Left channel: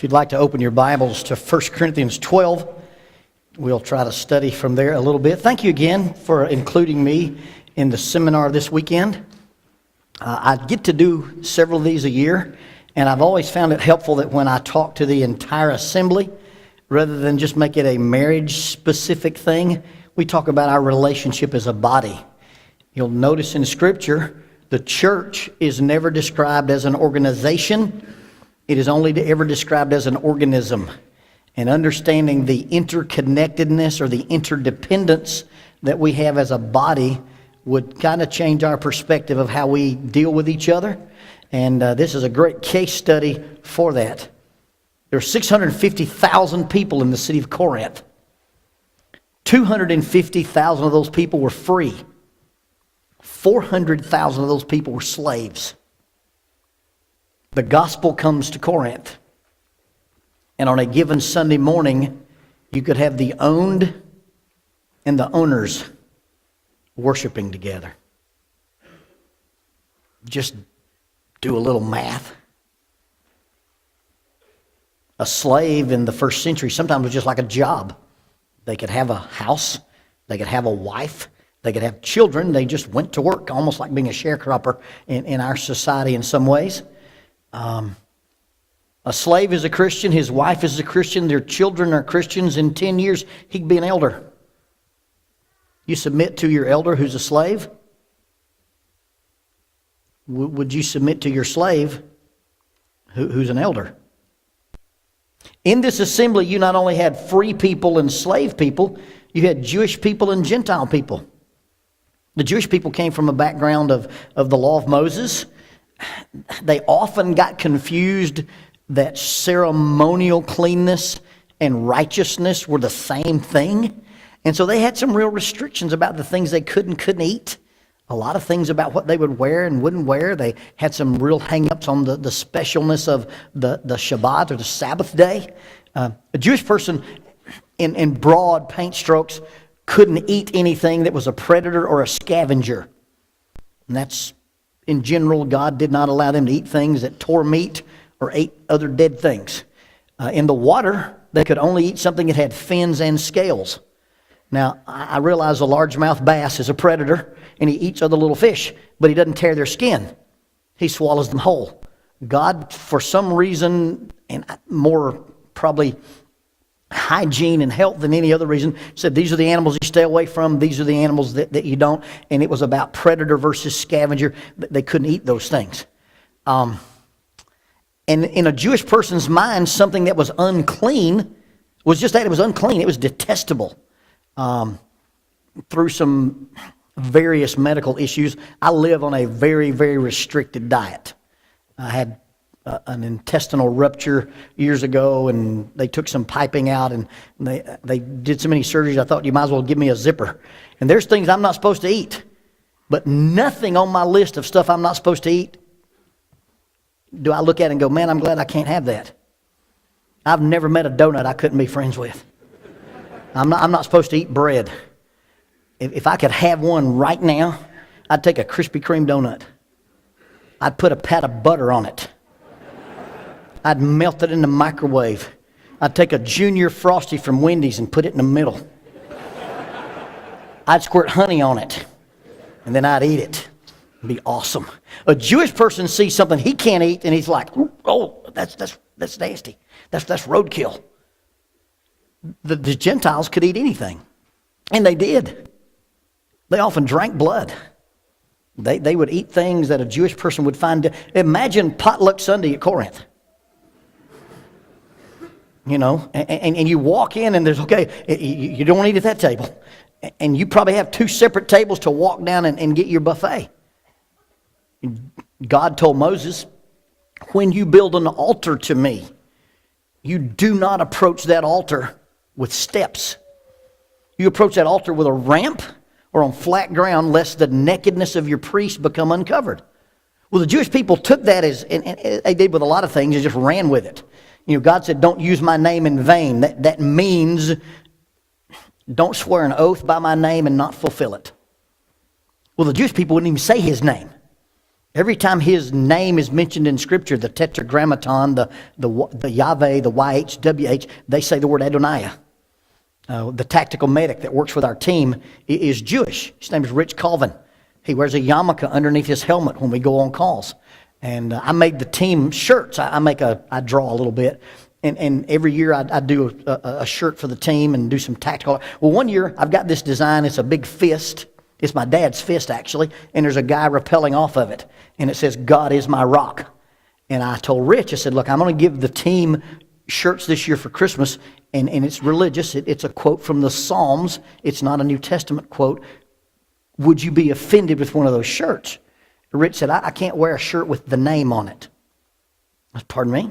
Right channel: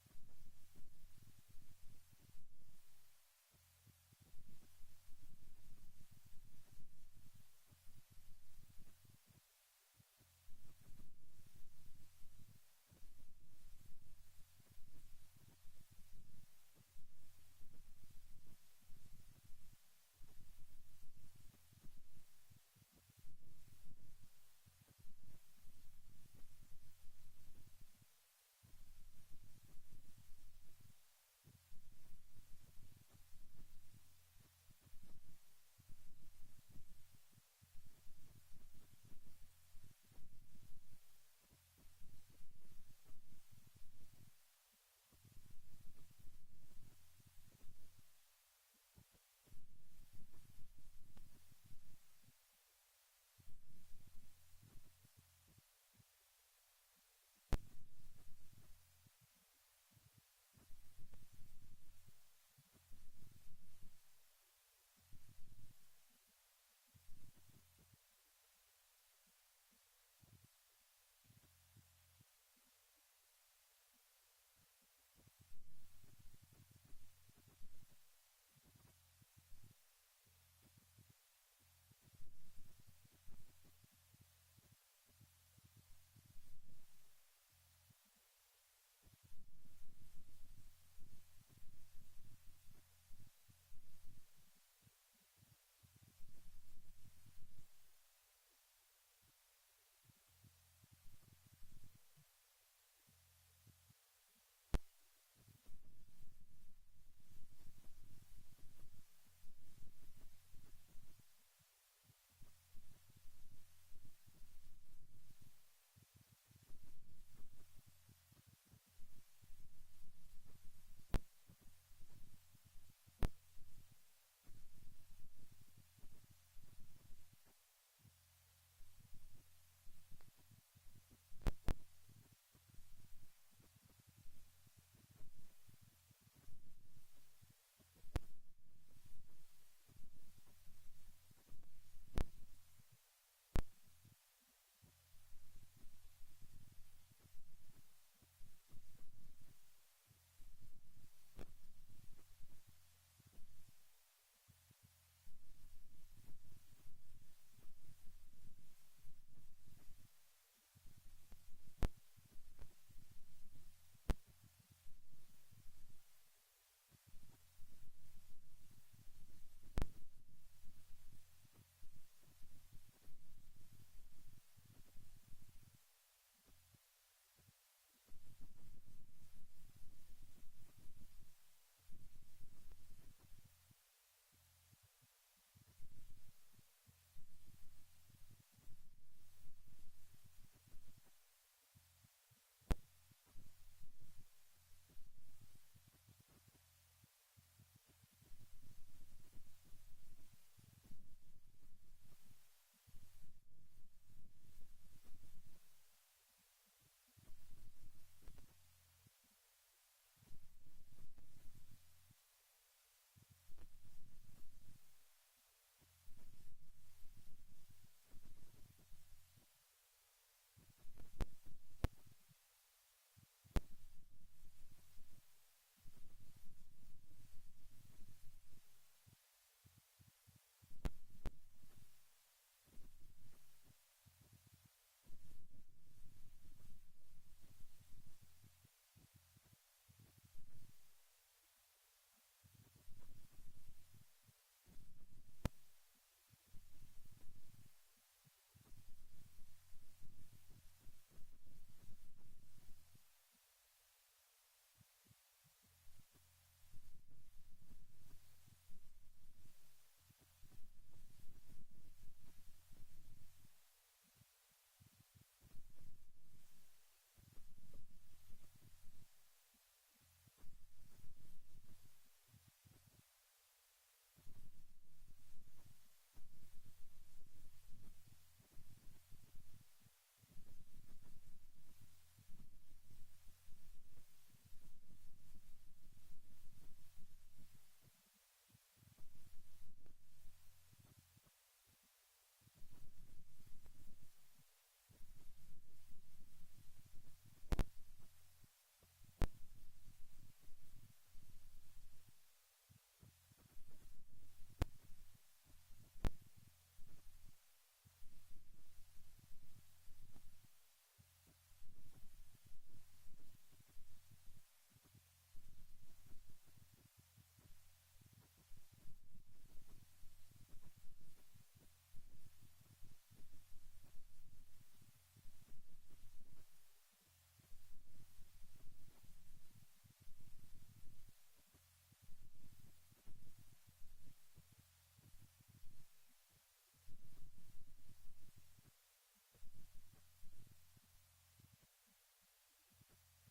If you'd like to open your Bibles to 1 Corinthians 12, we'll try to study from there a little bit. Thank you again for including me in the seminar this weekend. I get to do several of these a year, and I've always found it helpful that when I talk to the entire assembly, rather than just make it a marriage-specific thing, we talk about our relationship as a body. You'll notice in Scripture, the church is never described as an organization. It is only ever described as an organism. And understanding the interconnectedness or the interdependence that we have as a body would kind of change our perspective of how we deal with each other. And this is a great case study for that. There are 650,000 people in the city of Corinth. 250,000 of those people were free. 400,000 of those people were slaves. The gospel comes to Corinth. And on a given Sunday morning, you could have the owned and the owners worshiping together. Just do a little math. A slave in the first century sometimes was just like a job. They could have a house. They could have a wife. They could have children. They just went to work, almost like being a sharecropper in our society in some ways. A slave is a Christian. His wife is a Christian. Their children are Christians. In 10 years, he could be an elder. You submit to your elder who's a slave? Would you submit to your slave who's an elder? In this assembly, you not only had free people and slave people, you had Jewish people and Gentile people. The Jewish people came from a background of the law of Moses. They often got confused that ceremonial cleanness and righteousness were the same thing. And so they had some real restrictions about the things they could and couldn't eat. A lot of things about what they would wear and wouldn't wear. They had some real hang-ups on the specialness of the Shabbat or the Sabbath day. A Jewish person, in broad paint strokes, couldn't eat anything that was a predator or a scavenger. And that's, in general, God did not allow them to eat things that tore meat or ate other dead things. In the water, they could only eat something that had fins and scales. Now, I realize a largemouth bass is a predator, and he eats other little fish, but he doesn't tear their skin. He swallows them whole. God, for some reason, and more probably hygiene and health than any other reason, said these are the animals you stay away from, these are the animals that you don't, and it was about predator versus scavenger. They couldn't eat those things. And in a Jewish person's mind, something that was unclean was just that. It was unclean. It was detestable. Through some various medical issues, I live on a very, very restricted diet. I had an intestinal rupture years ago, and they took some piping out, and they did so many surgeries, I thought you might as well give me a zipper. And there's things I'm not supposed to eat, but nothing on my list of stuff I'm not supposed to eat do I look at and go, man, I'm glad I can't have that. I've never met a donut I couldn't be friends with. I'm not supposed to eat bread. If I could have one right now, I'd take a Krispy Kreme donut. I'd put a pat of butter on it. I'd melt it in the microwave. I'd take a Junior Frosty from Wendy's and put it in the middle. I'd squirt honey on it, and then I'd eat it. It'd be awesome. A Jewish person sees something he can't eat, and he's like, "Oh, that's nasty. That's roadkill." The Gentiles could eat anything, and they did. They often drank blood. They would eat things that a Jewish person would find. Imagine potluck Sunday at Corinth. You know, and you walk in, and there's, okay, you don't eat at that table. And you probably have two separate tables to walk down and get your buffet. God told Moses, when you build an altar to me, you do not approach that altar with steps. You approach that altar with a ramp or on flat ground, lest the nakedness of your priest become uncovered. Well, the Jewish people took that as, and they did with a lot of things, and just ran with it. You know, God said, don't use my name in vain. That means don't swear an oath by my name and not fulfill it. Well, the Jewish people wouldn't even say his name. Every time his name is mentioned in Scripture, the Tetragrammaton, the Yahweh, the YHWH, they say the word Adonai. The tactical medic that works with our team is Jewish. His name is Rich Colvin. He wears a yarmulke underneath his helmet when we go on calls. And I made the team shirts. I draw a little bit. And every year I do a shirt for the team and do some tactical. Well, one year I've got this design. It's a big fist. It's my dad's fist, actually. And there's a guy rappelling off of it. And it says, God is my rock. And I told Rich, I said, look, I'm going to give the team shirts this year for Christmas. And it's religious. It's a quote from the Psalms. It's not a New Testament quote. Would you be offended with one of those shirts? Rich said, I can't wear a shirt with the name on it. Pardon me?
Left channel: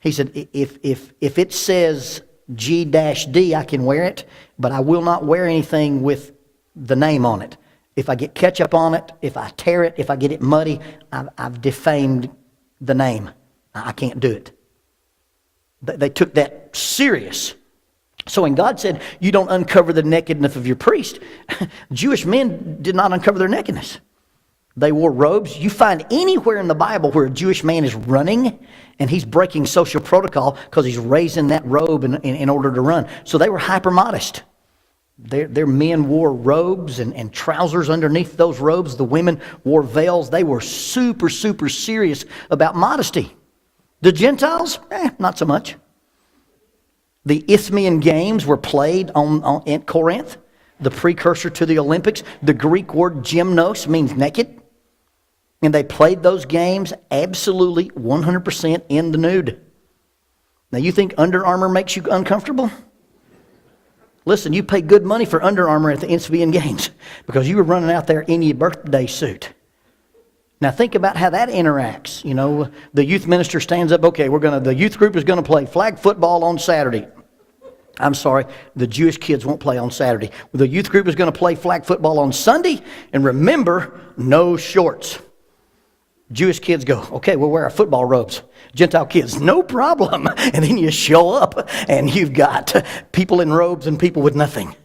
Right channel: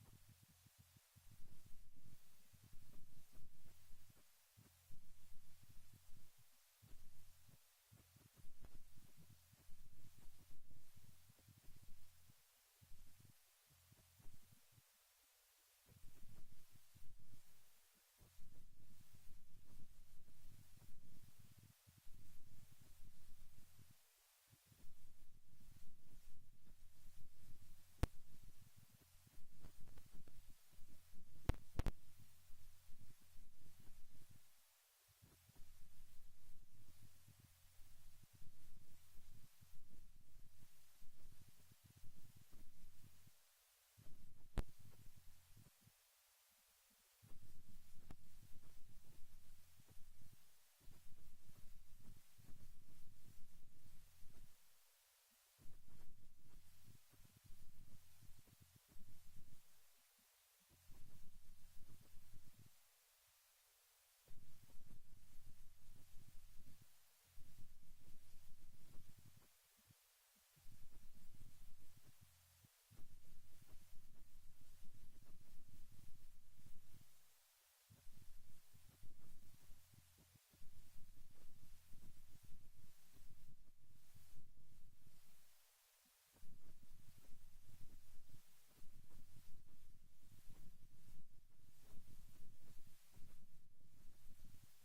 He said, if it says G-D, I can wear it, but I will not wear anything with the name on it. If I get ketchup on it, if I tear it, if I get it muddy, I've defamed the name. I can't do it. They took that serious. So when God said, you don't uncover the nakedness of your priest, Jewish men did not uncover their nakedness. They wore robes. You find anywhere in the Bible where a Jewish man is running and he's breaking social protocol because he's raising that robe in order to run. So they were hyper modest. Their men wore robes and trousers underneath those robes. The women wore veils. They were super, super serious about modesty. The Gentiles, not so much. The Isthmian Games were played in Corinth, the precursor to the Olympics. The Greek word gymnos means naked. And they played those games absolutely 100% in the nude. Now you think Under Armour makes you uncomfortable? Listen, you pay good money for Under Armour at the Isthmian Games because you were running out there in your birthday suit. Now think about how that interacts. You know, the youth minister stands up, okay, the youth group is going to play flag football on Saturday. I'm sorry, the Jewish kids won't play on Saturday. The youth group is going to play flag football on Sunday, and remember, no shorts. Jewish kids go, okay, we'll wear our football robes. Gentile kids, no problem. And then you show up, and you've got people in robes and people with nothing.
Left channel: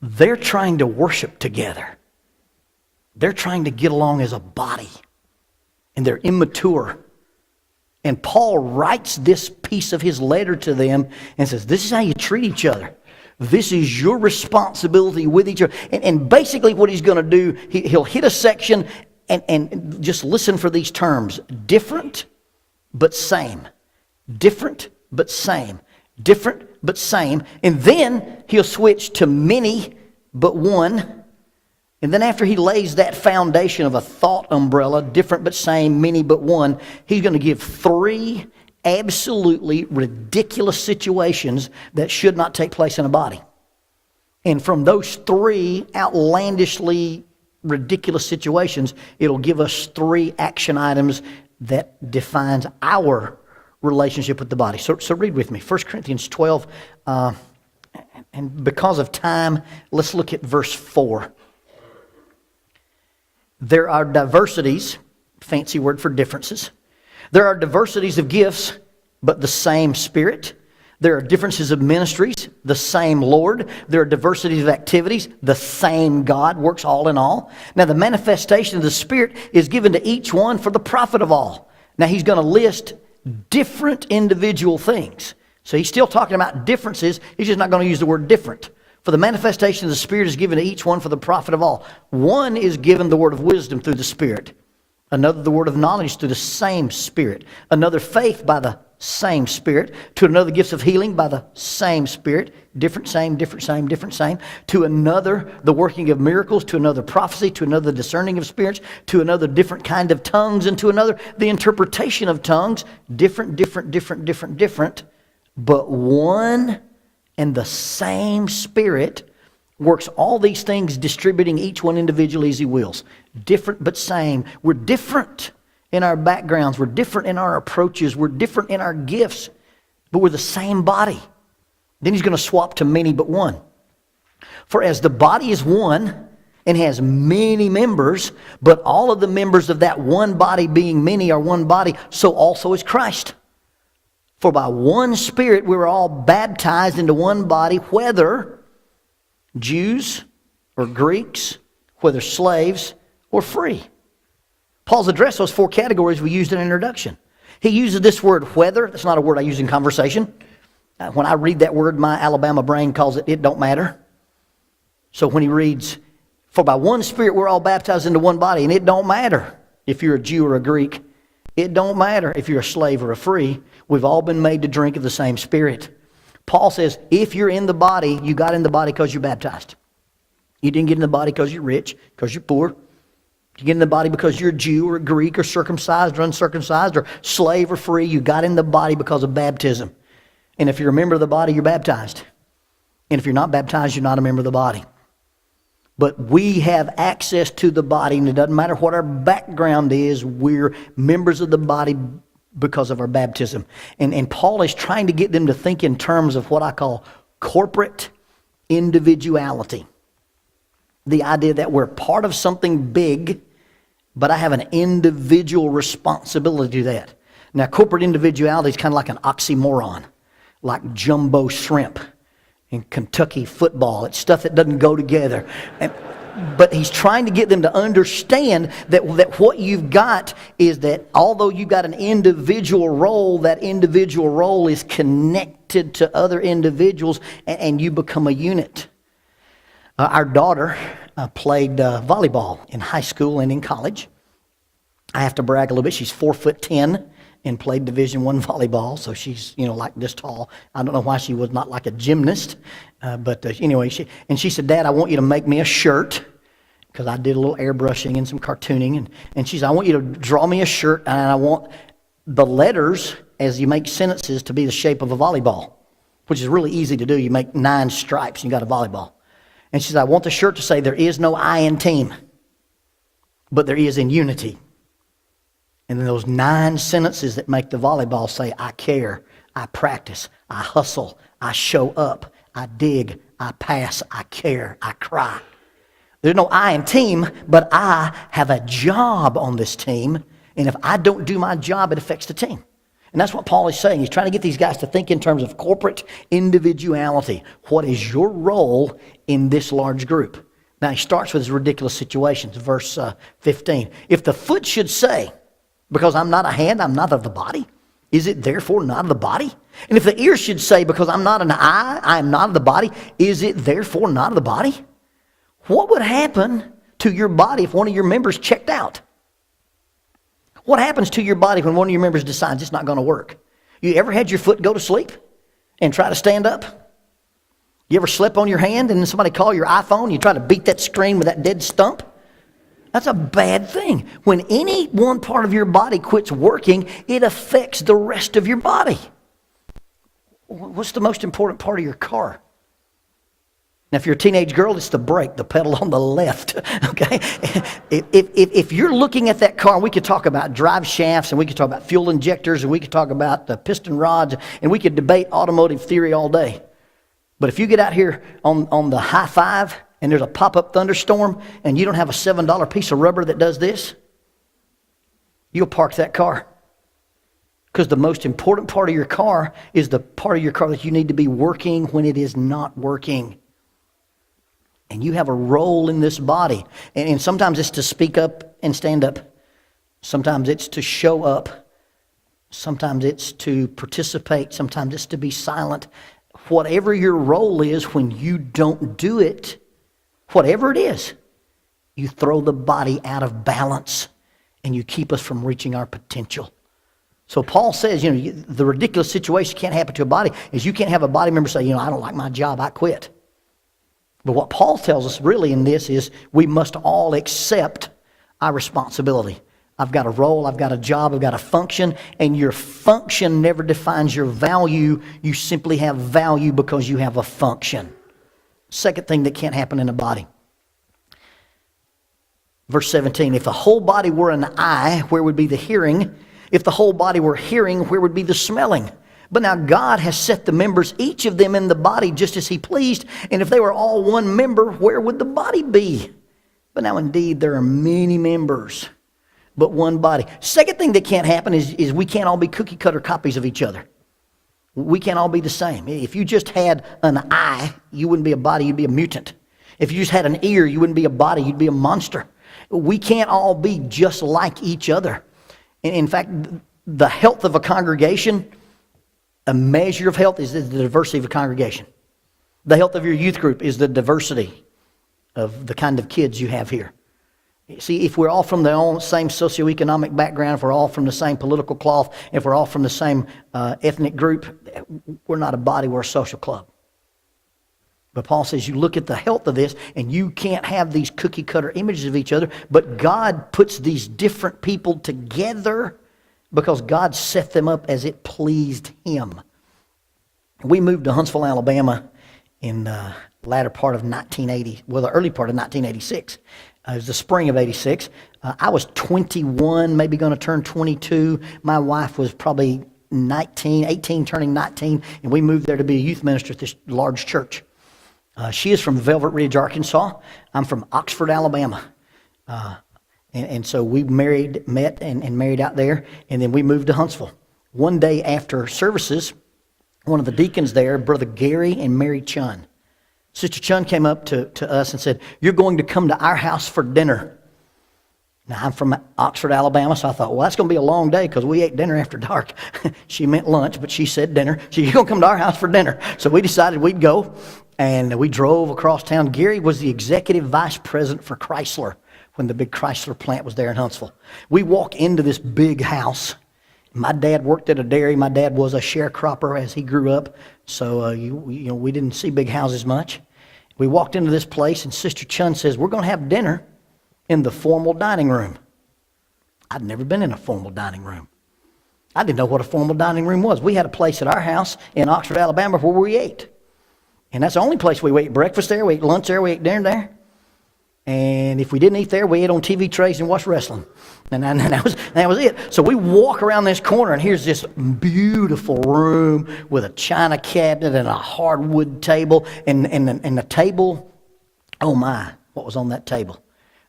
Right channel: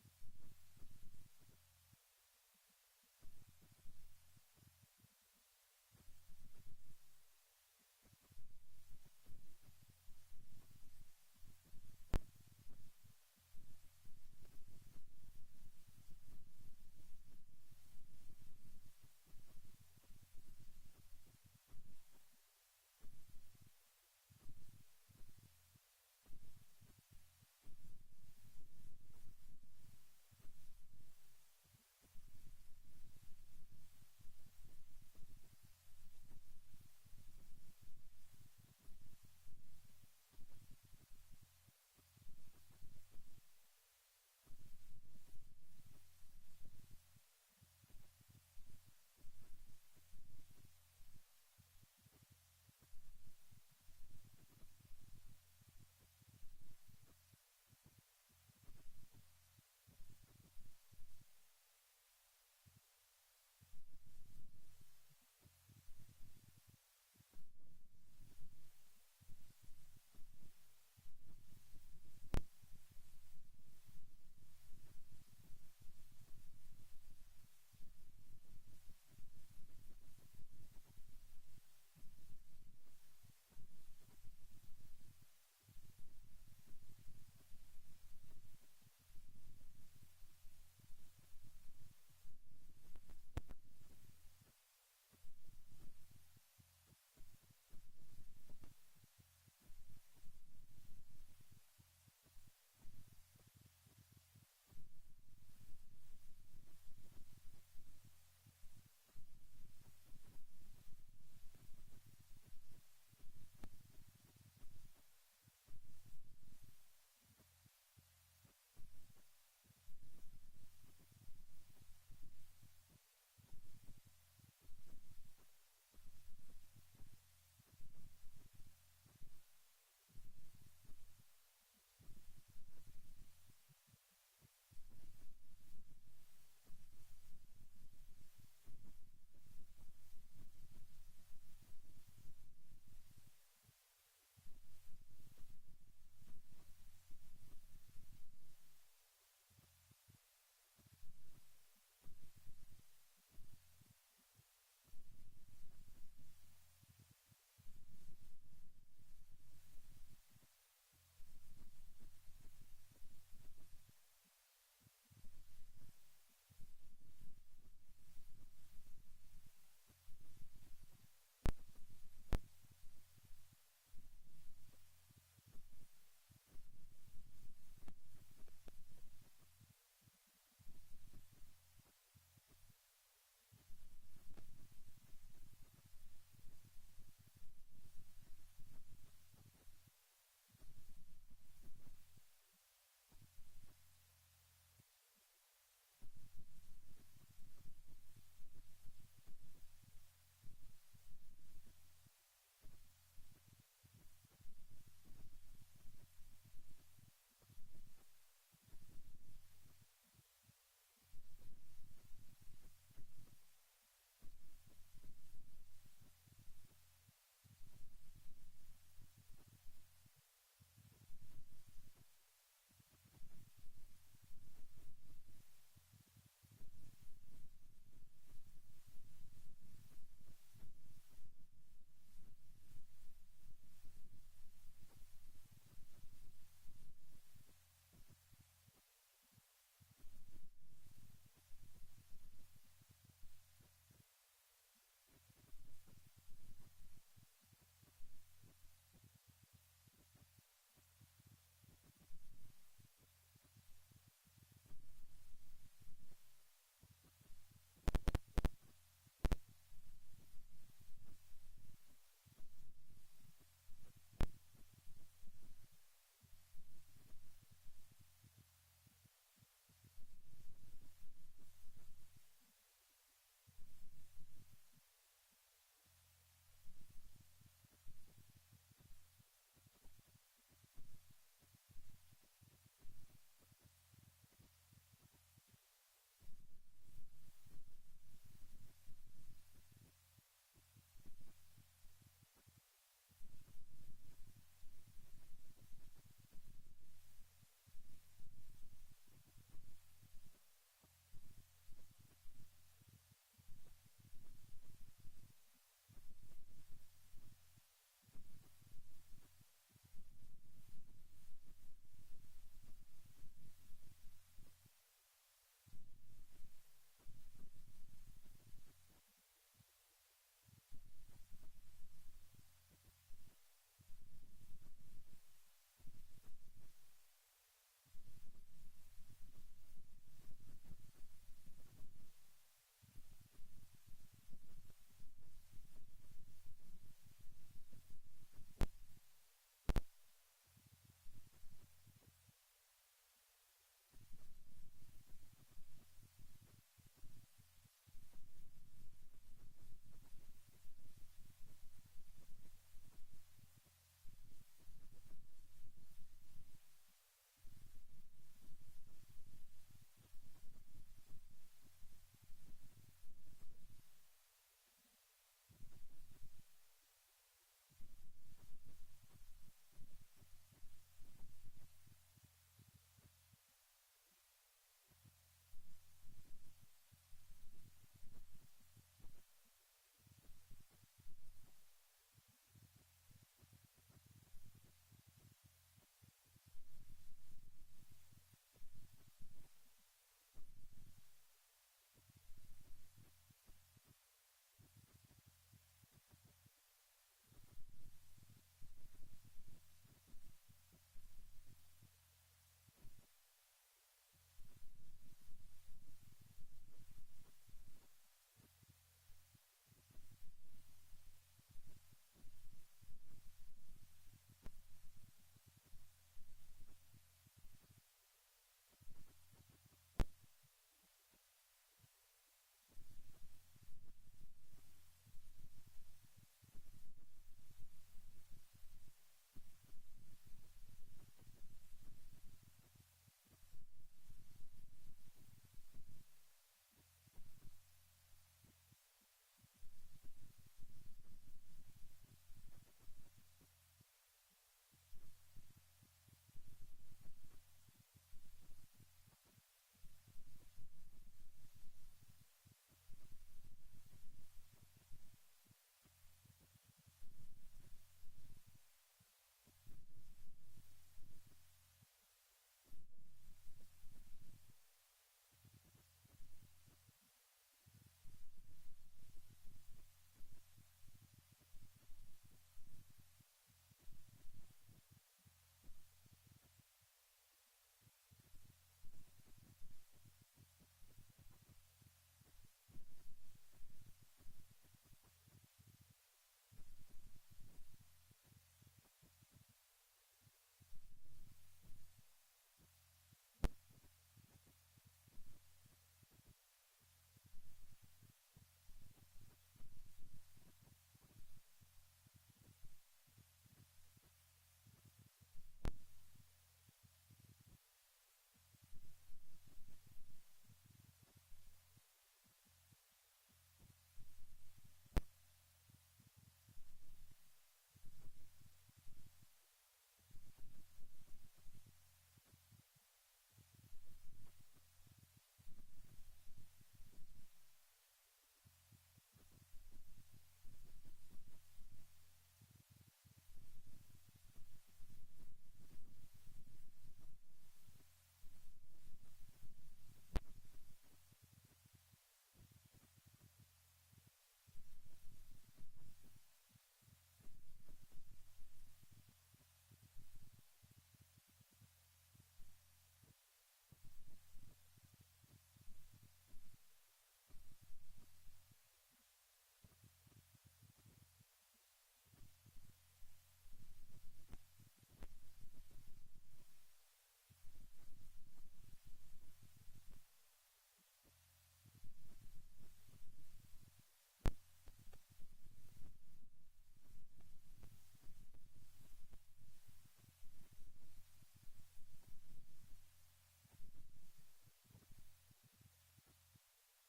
They're trying to worship together. They're trying to get along as a body, and they're immature. And Paul writes this piece of his letter to them and says, this is how you treat each other. This is your responsibility with each other. And basically what he's going to do, he'll hit a section and just listen for these terms. Different, but same. Different, but same. Different, but same. And then he'll switch to many, but one. And then after he lays that foundation of a thought umbrella, different but same, many but one, he's going to give 3 absolutely ridiculous situations that should not take place in a body. And from those 3 outlandishly ridiculous situations, it'll give us 3 action items that defines our relationship with the body. So read with me, 1 Corinthians 12, and because of time, let's look at verse 4. There are diversities, fancy word for differences. There are diversities of gifts, but the same Spirit. There are differences of ministries, the same Lord. There are diversities of activities, the same God works all in all. Now the manifestation of the Spirit is given to each one for the profit of all. Now he's going to list different individual things. So he's still talking about differences. He's just not going to use the word different. For the manifestation of the Spirit is given to each one for the profit of all. One is given the word of wisdom through the Spirit. Another the word of knowledge through the same Spirit. Another faith by the same Spirit. To another gifts of healing by the same Spirit. Different, same, different, same, different, same. To another the working of miracles. To another prophecy. To another discerning of spirits. To another different kind of tongues. And to another the interpretation of tongues. Different, different, different, different, different. But one and the same Spirit works all these things, distributing each one individually as He wills. Different but same. We're different in our backgrounds. We're different in our approaches. We're different in our gifts. But we're the same body. Then he's going to swap to many but one. For as the body is one and has many members, but all of the members of that one body being many are one body, so also is Christ. For by one Spirit we were all baptized into one body, whether Jews or Greeks, whether slaves or free. Paul's addressed those 4 categories we used in introduction. He uses this word whether. That's not a word I use in conversation. When I read that word, my Alabama brain calls it don't matter. So when he reads, for by one Spirit we're all baptized into one body, and it don't matter if you're a Jew or a Greek. It don't matter if you're a slave or a free. We've all been made to drink of the same Spirit. Paul says, if you're in the body, you got in the body because you're baptized. You didn't get in the body because you're rich, because you're poor. You get in the body because you're a Jew or a Greek or circumcised or uncircumcised or slave or free. You got in the body because of baptism. And if you're a member of the body, you're baptized. And if you're not baptized, you're not a member of the body. But we have access to the body, and it doesn't matter what our background is, we're members of the body because of our baptism. And Paul is trying to get them to think in terms of what I call corporate individuality. The idea that we're part of something big, but I have an individual responsibility to that. Now, corporate individuality is kind of like an oxymoron, like jumbo shrimp in Kentucky football. It's stuff that doesn't go together. But he's trying to get them to understand that what you've got is that although you've got an individual role, that individual role is connected to other individuals, and you become a unit. Our daughter played volleyball in high school and in college. I have to brag a little bit. She's 4'10" and played Division I volleyball, so she's like this tall. I don't know why she was not like a gymnast, but anyway, she said, "Dad, I want you to make me a shirt," because I did a little airbrushing and some cartooning, and she said, "I want you to draw me a shirt, and I want the letters as you make sentences to be the shape of a volleyball," which is really easy to do. You make 9 stripes, and you got a volleyball. And she said, "I want the shirt to say there is no I in team, but there is in unity." And then those 9 sentences that make the volleyball say, I care, I practice, I hustle, I show up, I dig, I pass, I care, I cry. There's no I in team, but I have a job on this team. And if I don't do my job, it affects the team. And that's what Paul is saying. He's trying to get these guys to think in terms of corporate individuality. What is your role in this large group? Now he starts with his ridiculous situations. Verse 15. If the foot should say, because I'm not a hand, I'm not of the body, is it therefore not of the body? And if the ear should say, because I'm not an eye, I am not of the body, is it therefore not of the body? What would happen to your body if one of your members checked out? What happens to your body when one of your members decides it's not going to work? You ever had your foot go to sleep and try to stand up? You ever slept on your hand and then somebody call your iPhone, you try to beat that screen with that dead stump? That's a bad thing. When any one part of your body quits working, it affects the rest of your body. What's the most important part of your car? Now, if you're a teenage girl, it's the brake, the pedal on the left, okay? If you're looking at that car, we could talk about drive shafts, and we could talk about fuel injectors, and we could talk about the piston rods, and we could debate automotive theory all day. But if you get out here on the high five, and there's a pop-up thunderstorm, and you don't have a $7 piece of rubber that does this, you'll park that car. Because the most important part of your car is the part of your car that you need to be working when it is not working. And you have a role in this body. And sometimes it's to speak up and stand up. Sometimes it's to show up. Sometimes it's to participate. Sometimes it's to be silent. Whatever your role is, when you don't do it, whatever it is, you throw the body out of balance and you keep us from reaching our potential. So Paul says, the ridiculous situation can't happen to a body is you can't have a body member say, I don't like my job, I quit. But what Paul tells us really in this is we must all accept our responsibility. I've got a role, I've got a job, I've got a function, and your function never defines your value. You simply have value because you have a function. Second thing that can't happen in a body. Verse 17, if the whole body were an eye, where would be the hearing? If the whole body were hearing, where would be the smelling? But now God has set the members, each of them in the body, just as he pleased. And if they were all one member, where would the body be? But now indeed there are many members, but one body. Second thing that can't happen is we can't all be cookie cutter copies of each other. We can't all be the same. If you just had an eye, you wouldn't be a body, you'd be a mutant. If you just had an ear, you wouldn't be a body, you'd be a monster. We can't all be just like each other. In fact, the health of a congregation, a measure of health is the diversity of a congregation. The health of your youth group is the diversity of the kind of kids you have here. See, if we're all from the same socioeconomic background, if we're all from the same political cloth, if we're all from the same ethnic group, we're not a body, we're a social club. But Paul says you look at the health of this, and you can't have these cookie-cutter images of each other, but God puts these different people together because God set them up as it pleased Him. We moved to Huntsville, Alabama in the latter part of 1980, well, the early part of 1986. It was the spring of 86. I was 21, maybe going to turn 22. My wife was probably 18, turning 19, and we moved there to be a youth minister at this large church. She is from Velvet Ridge, Arkansas. I'm from Oxford, Alabama. And so we met and married out there, and then we moved to Huntsville. One day after services, one of the deacons there, Brother Gary and Mary Chun, Sister Chun came up to us and said, "You're going to come to our house for dinner." Now, I'm from Oxford, Alabama, so I thought, well, that's going to be a long day because we ate dinner after dark. She meant lunch, but she said dinner. So you're going to come to our house for dinner. So we decided we'd go, and we drove across town. Gary was the executive vice president for Chrysler when the big Chrysler plant was there in Huntsville. We walk into this big house. My dad worked at a dairy. My dad was a sharecropper as he grew up, so we didn't see big houses much. We walked into this place, and Sister Chun says, "We're going to have dinner in the formal dining room." I'd never been in a formal dining room. I didn't know what a formal dining room was. We had a place at our house in Oxford, Alabama, where we ate. And that's the only place we ate breakfast there, we ate lunch there, we ate dinner there. And if we didn't eat there, we ate on TV trays and watched wrestling. And that was it. So we walk around this corner, and here's this beautiful room with a china cabinet and a hardwood table. And the table, oh my, what was on that table?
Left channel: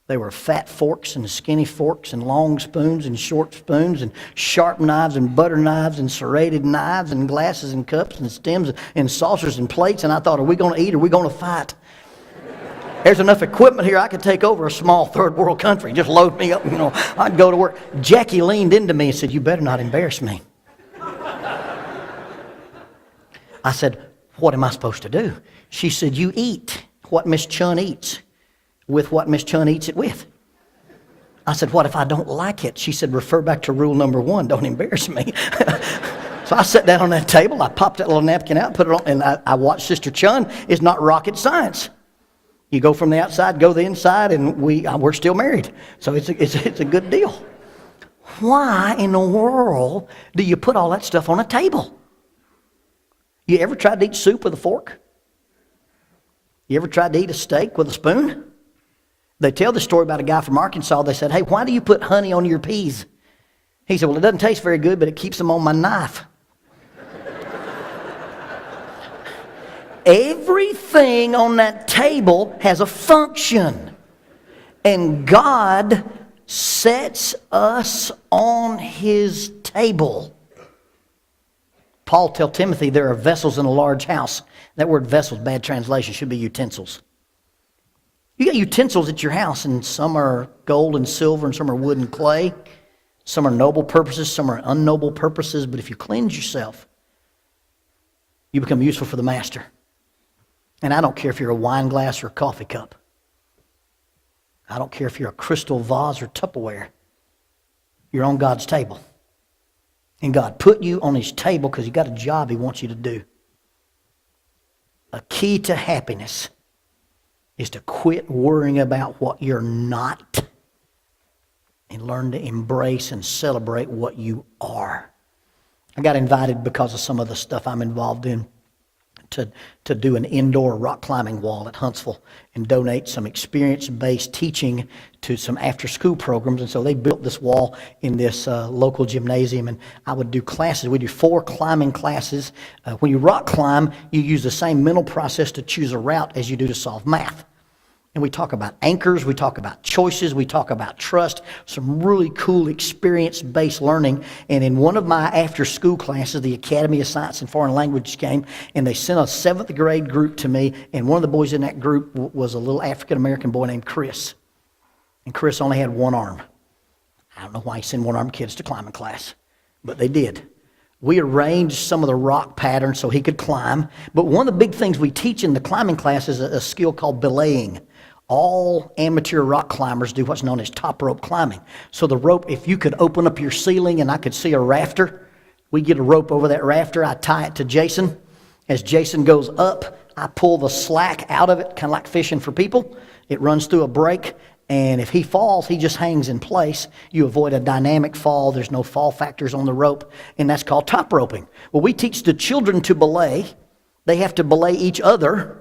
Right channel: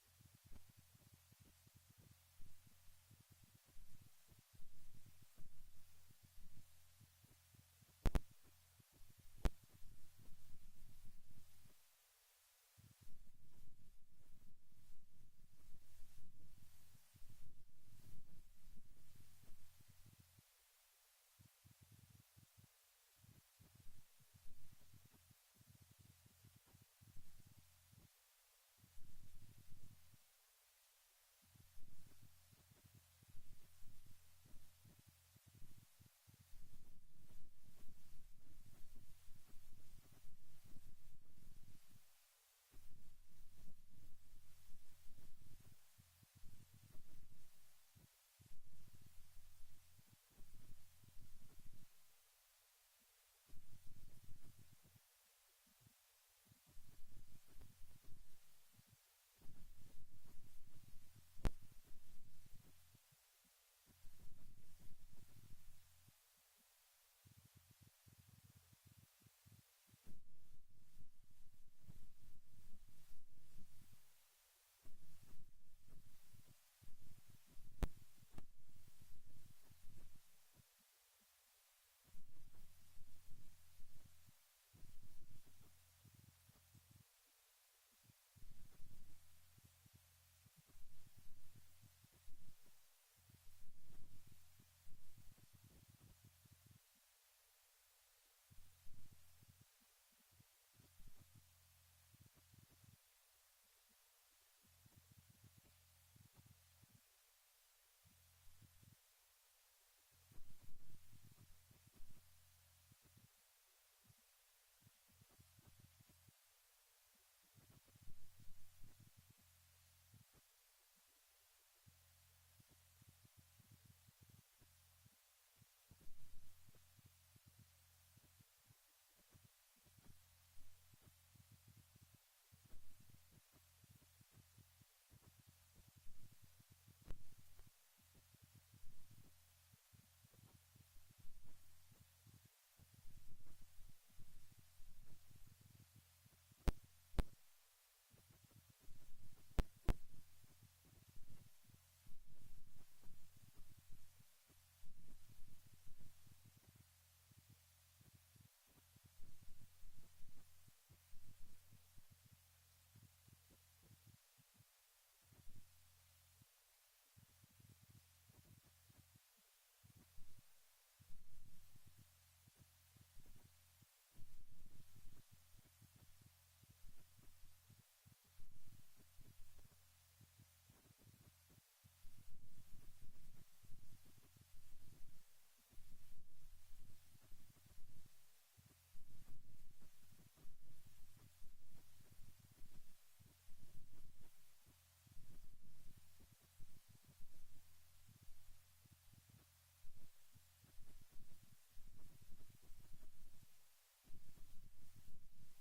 There were fat forks and skinny forks and long spoons and short spoons and sharp knives and butter knives and serrated knives and glasses and cups and stems and saucers and plates. And I thought, are we going to eat or are we going to fight? There's enough equipment here I could take over a small third world country. Just load me up, I'd go to work. Jackie leaned into me and said, "You better not embarrass me." I said, "What am I supposed to do?" She said, "You eat what Miss Chun eats with what Miss Chun eats it with." I said, "What if I don't like it?" She said, "Refer back to rule number 1, don't embarrass me." So I sat down on that table, I popped that little napkin out, put it on, and I watched Sister Chun. It's not rocket science. You go from the outside, go to the inside, and we're still married. So it's a good deal. Why in the world do you put all that stuff on a table? You ever tried to eat soup with a fork? You ever tried to eat a steak with a spoon? They tell the story about a guy from Arkansas. They said, "Hey, why do you put honey on your peas?" He said, "Well, it doesn't taste very good, but it keeps them on my knife." Everything on that table has a function. And God sets us on His table. Paul tells Timothy there are vessels in a large house. That word vessels, bad translation, should be utensils. You got utensils at your house, and some are gold and silver, and some are wood and clay. Some are noble purposes, some are unnoble purposes. But if you cleanse yourself, you become useful for the master. And I don't care if you're a wine glass or a coffee cup. I don't care if you're a crystal vase or Tupperware. You're on God's table. And God put you on His table because He got a job He wants you to do. A key to happiness is to quit worrying about what you're not and learn to embrace and celebrate what you are. I got invited because of some of the stuff I'm involved in to do an indoor rock climbing wall at Huntsville and donate some experience-based teaching to some after-school programs. And so they built this wall in this local gymnasium, and I would do classes. We do 4 climbing classes. When you rock climb, you use the same mental process to choose a route as you do to solve math. And we talk about anchors, we talk about choices, we talk about trust, some really cool experience-based learning. And in one of my after-school classes, the Academy of Science and Foreign Language came, and they sent a 7th grade group to me, and one of the boys in that group was a little African-American boy named Chris. And Chris only had one arm. I don't know why he sent one-armed kids to climbing class, but they did. We arranged some of the rock patterns so he could climb. But one of the big things we teach in the climbing class is a skill called belaying. All amateur rock climbers do what's known as top rope climbing. So the rope, if you could open up your ceiling and I could see a rafter, we get a rope over that rafter. I tie it to Jason. As Jason goes up, I pull the slack out of it, kind of like fishing for people. It runs through a break. And if he falls, he just hangs in place. You avoid a dynamic fall. There's no fall factors on the rope. And that's called top roping. Well, we teach the children to belay. They have to belay each other.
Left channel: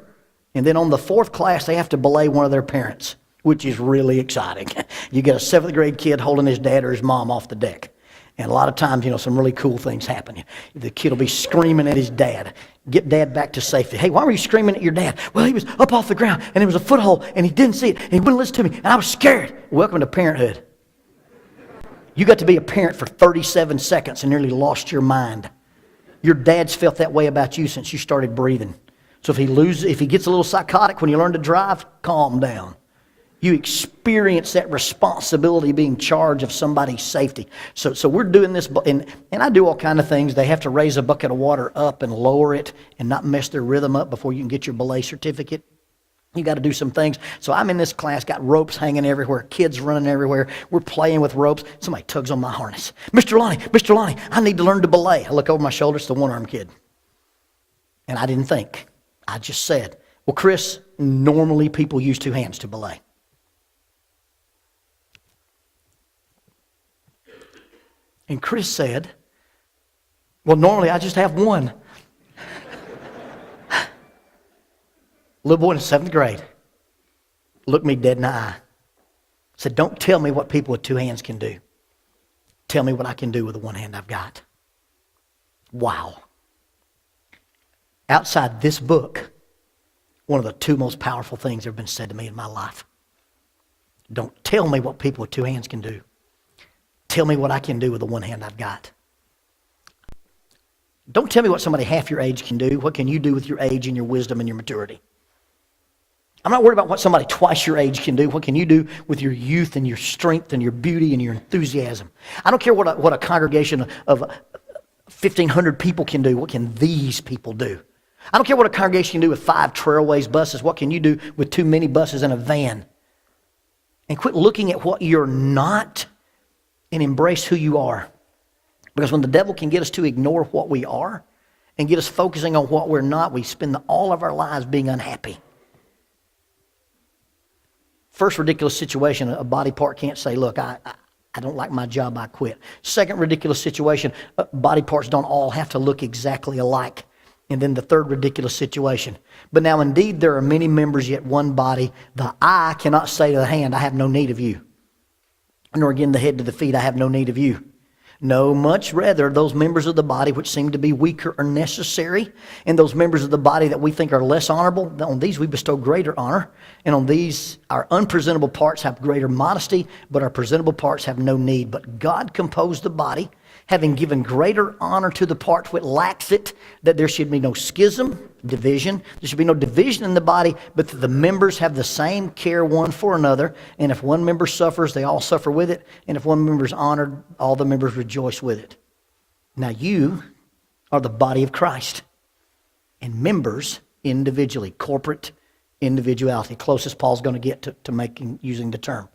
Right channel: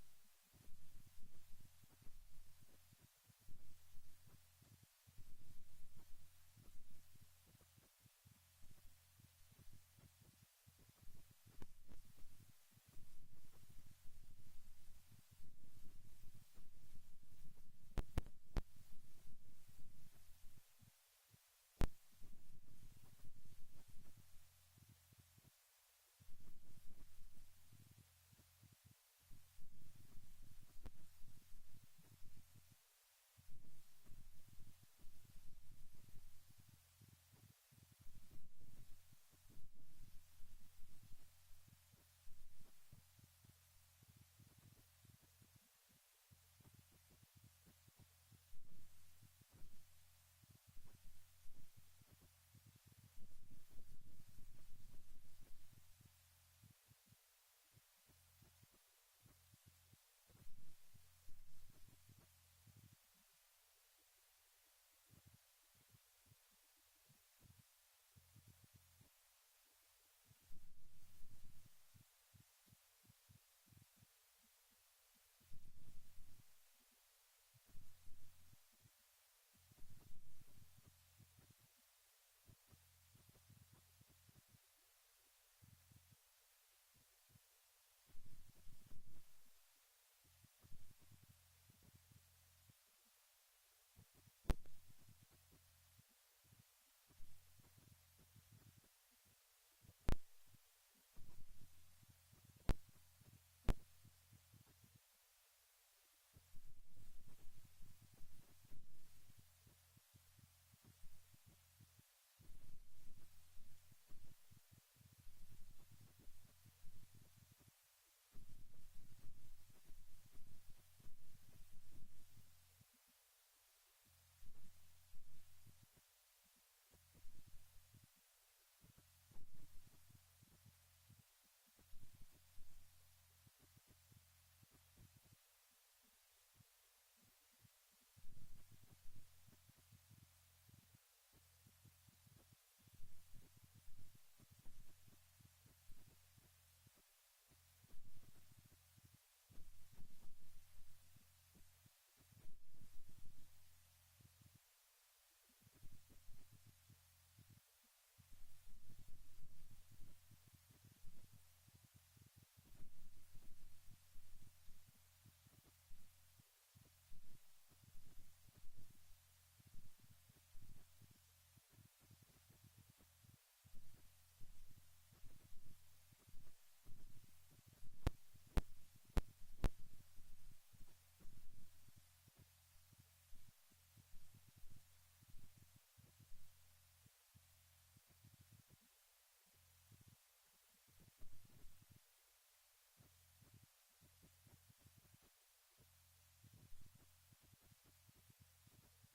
And then on the fourth class, they have to belay one of their parents, which is really exciting. You get a 7th grade kid holding his dad or his mom off the deck. And a lot of times, some really cool things happen. The kid will be screaming at his dad. Get dad back to safety. Hey, why were you screaming at your dad? Well, he was up off the ground, and there was a foothold, and he didn't see it, and he wouldn't listen to me, and I was scared. Welcome to parenthood. You got to be a parent for 37 seconds and nearly lost your mind. Your dad's felt that way about you since you started breathing. So if he gets a little psychotic when you learn to drive, calm down. You experience that responsibility of being charged of somebody's safety. So we're doing this, and I do all kind of things. They have to raise a bucket of water up and lower it and not mess their rhythm up before you can get your belay certificate. You got to do some things. So I'm in this class, got ropes hanging everywhere, kids running everywhere. We're playing with ropes. Somebody tugs on my harness. Mr. Lonnie, I need to learn to belay. I look over my shoulder, it's the one-armed kid. And I didn't think. I just said, well, Chris, normally people use 2 hands to belay. And Chris said, well, normally I just have one. Little boy in the 7th grade looked me dead in the eye. Said, don't tell me what people with 2 hands can do. Tell me what I can do with the one hand I've got. Wow. Outside this book, one of the 2 most powerful things that have been said to me in my life. Don't tell me what people with 2 hands can do. Tell me what I can do with the one hand I've got. Don't tell me what somebody half your age can do. What can you do with your age and your wisdom and your maturity? I'm not worried about what somebody twice your age can do. What can you do with your youth and your strength and your beauty and your enthusiasm? I don't care what a congregation of 1,500 people can do. What can these people do? I don't care what a congregation can do with 5 Trailways buses. What can you do with 2 minibuses and a van? And quit looking at what you're not and embrace who you are. Because when the devil can get us to ignore what we are and get us focusing on what we're not, we spend all of our lives being unhappy. First ridiculous situation, a body part can't say, look, I don't like my job, I quit. Second ridiculous situation, body parts don't all have to look exactly alike. And then the third ridiculous situation. But now indeed there are many members yet one body. The eye cannot say to the hand, I have no need of you. Nor again the head to the feet, I have no need of you. No, much rather those members of the body which seem to be weaker are necessary, and those members of the body that we think are less honorable, on these we bestow greater honor, and on these our unpresentable parts have greater modesty, but our presentable parts have no need. But God composed the body, having given greater honor to the part which lacks it, that there should be no schism, division. There should be no division in the body, but that the members have the same care one for another. And if one member suffers, they all suffer with it. And if one member is honored, all the members rejoice with it. Now you are the body of Christ. And members individually, corporate individuality. Closest Paul's going to get to using the term.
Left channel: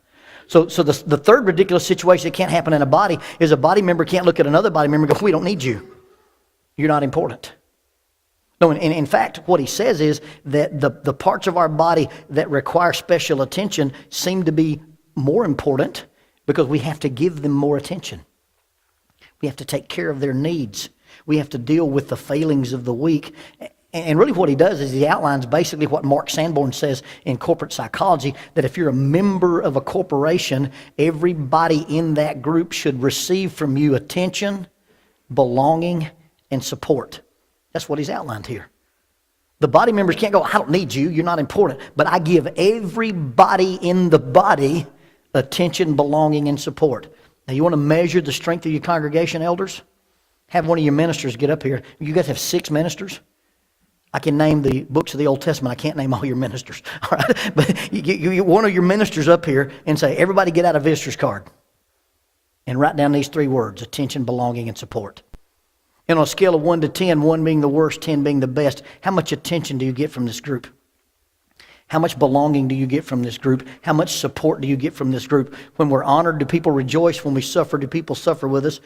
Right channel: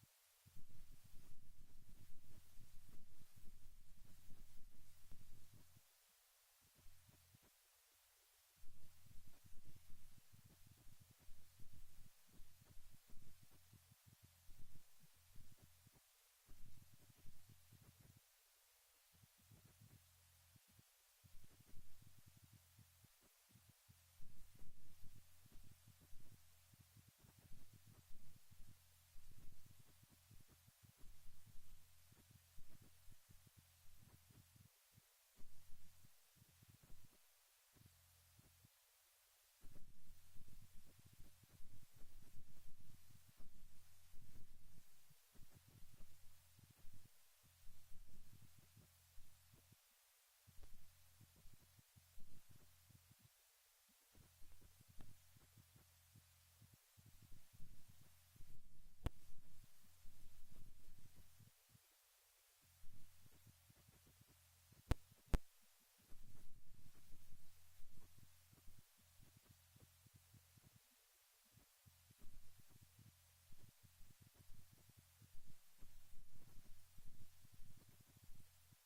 So the third ridiculous situation that can't happen in a body is a body member can't look at another body member and go, we don't need you. You're not important. No, and in fact, what he says is that the parts of our body that require special attention seem to be more important because we have to give them more attention. We have to take care of their needs. We have to deal with the failings of the weak. And really what he does is he outlines basically what Mark Sanborn says in corporate psychology, that if you're a member of a corporation, everybody in that group should receive from you attention, belonging, and support. That's what he's outlined here. The body members can't go, I don't need you, you're not important. But I give everybody in the body attention, belonging, and support. Now you want to measure the strength of your congregation, elders? Have one of your ministers get up here. You guys have 6 ministers. I can name the books of the Old Testament. I can't name all your ministers. All right? But you get one of your ministers up here and say, everybody get out a visitor's card and write down these 3 words: attention, belonging, and support. And on a scale of 1 to 10, 1 being the worst, 10 being the best, how much attention do you get from this group? How much belonging do you get from this group? How much support do you get from this group? When we're honored, do people rejoice? When we suffer, do people suffer with us?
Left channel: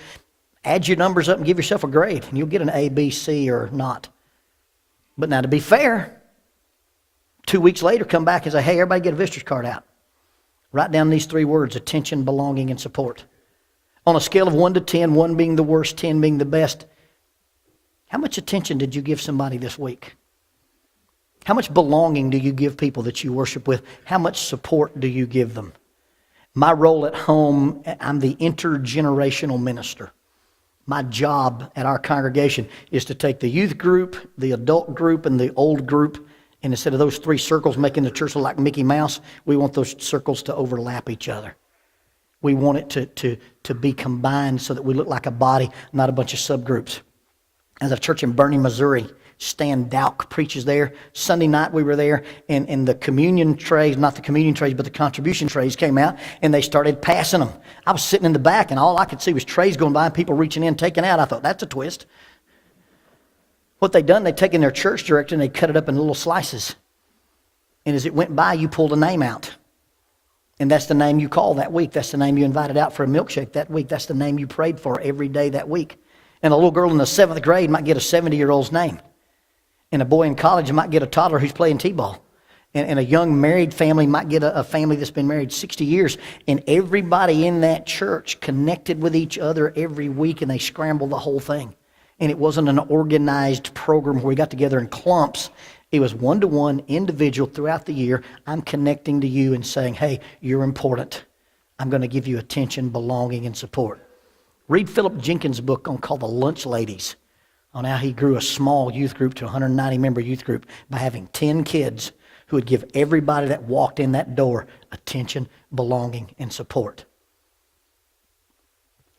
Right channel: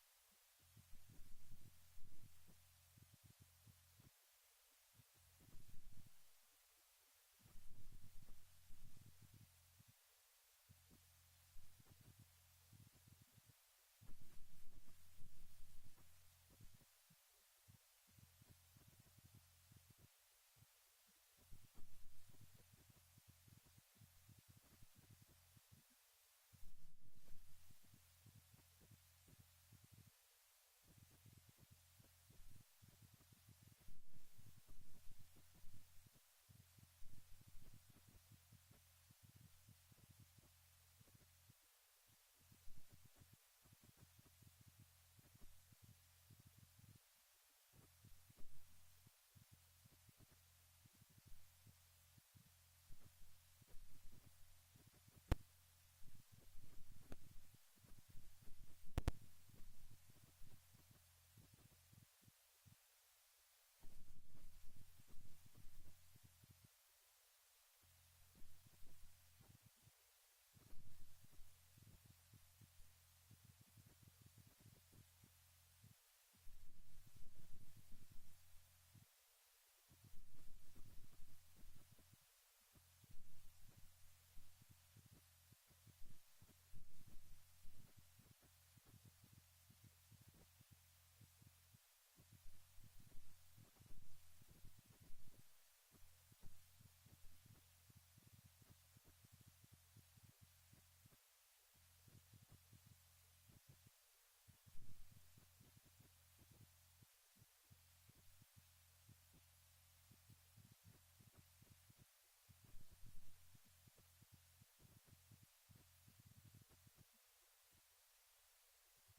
Add your numbers up and give yourself a grade, and you'll get an A, B, C, or not. But now, to be fair, 2 weeks later, come back and say, hey, everybody get a visitor's card out. Write down these 3 words: attention, belonging, and support. On a scale of 1 to 10, 1 being the worst, 10 being the best, how much attention did you give somebody this week? How much belonging do you give people that you worship with? How much support do you give them? My role at home, I'm the intergenerational minister. My job at our congregation is to take the youth group, the adult group, and the old group, and instead of those 3 circles making the church look like Mickey Mouse, we want those circles to overlap each other. We want it to be combined so that we look like a body, not a bunch of subgroups. As a church in Bernie, Missouri, Stan Dowk preaches there. Sunday night we were there, and the communion trays, not the communion trays, but the contribution trays came out, and they started passing them. I was sitting in the back, and all I could see was trays going by and people reaching in, taking out. I thought, that's a twist. What they done, they taken their church directory and they cut it up in little slices. And as it went by, you pulled a name out. And that's the name you called that week. That's the name you invited out for a milkshake that week. That's the name you prayed for every day that week. And a little girl in the 7th grade might get a 70-year-old's name. And a boy in college might get a toddler who's playing t-ball. And a young married family might get a family that's been married 60 years. And everybody in that church connected with each other every week, and they scrambled the whole thing. And it wasn't an organized program where we got together in clumps. It was one-to-one, individual throughout the year. I'm connecting to you and saying, hey, you're important. I'm going to give you attention, belonging, and support. Read Philip Jenkins' book called The Lunch Ladies, on how he grew a small youth group to a 190-member youth group by having 10 kids who would give everybody that walked in that door attention, belonging, and support.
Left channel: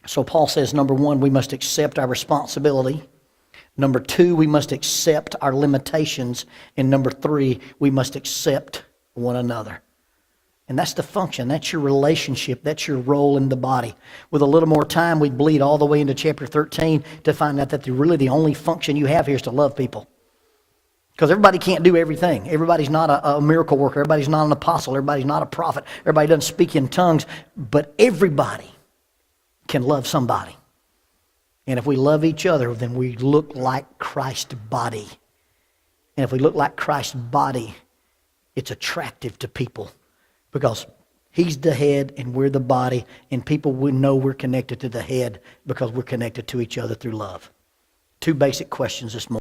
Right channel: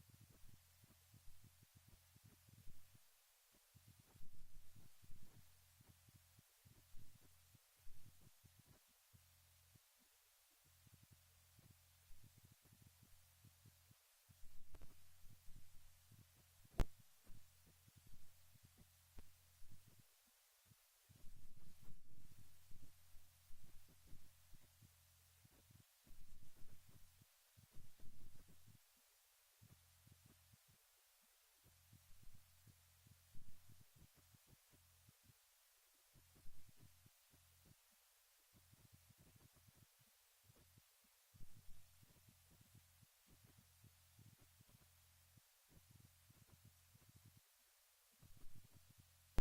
So Paul says, number 1, we must accept our responsibility. Number 2, we must accept our limitations. And number 3, we must accept one another. And that's the function. That's your relationship. That's your role in the body. With a little more time, we'd bleed all the way into chapter 13 to find out that really the only function you have here is to love people. Because everybody can't do everything. Everybody's not a miracle worker. Everybody's not an apostle. Everybody's not a prophet. Everybody doesn't speak in tongues. But everybody can love somebody. And if we love each other, then we look like Christ's body. And if we look like Christ's body, it's attractive to people. Because he's the head and we're the body, and people will know we're connected to the head because we're connected to each other through love. 2 basic questions this morning.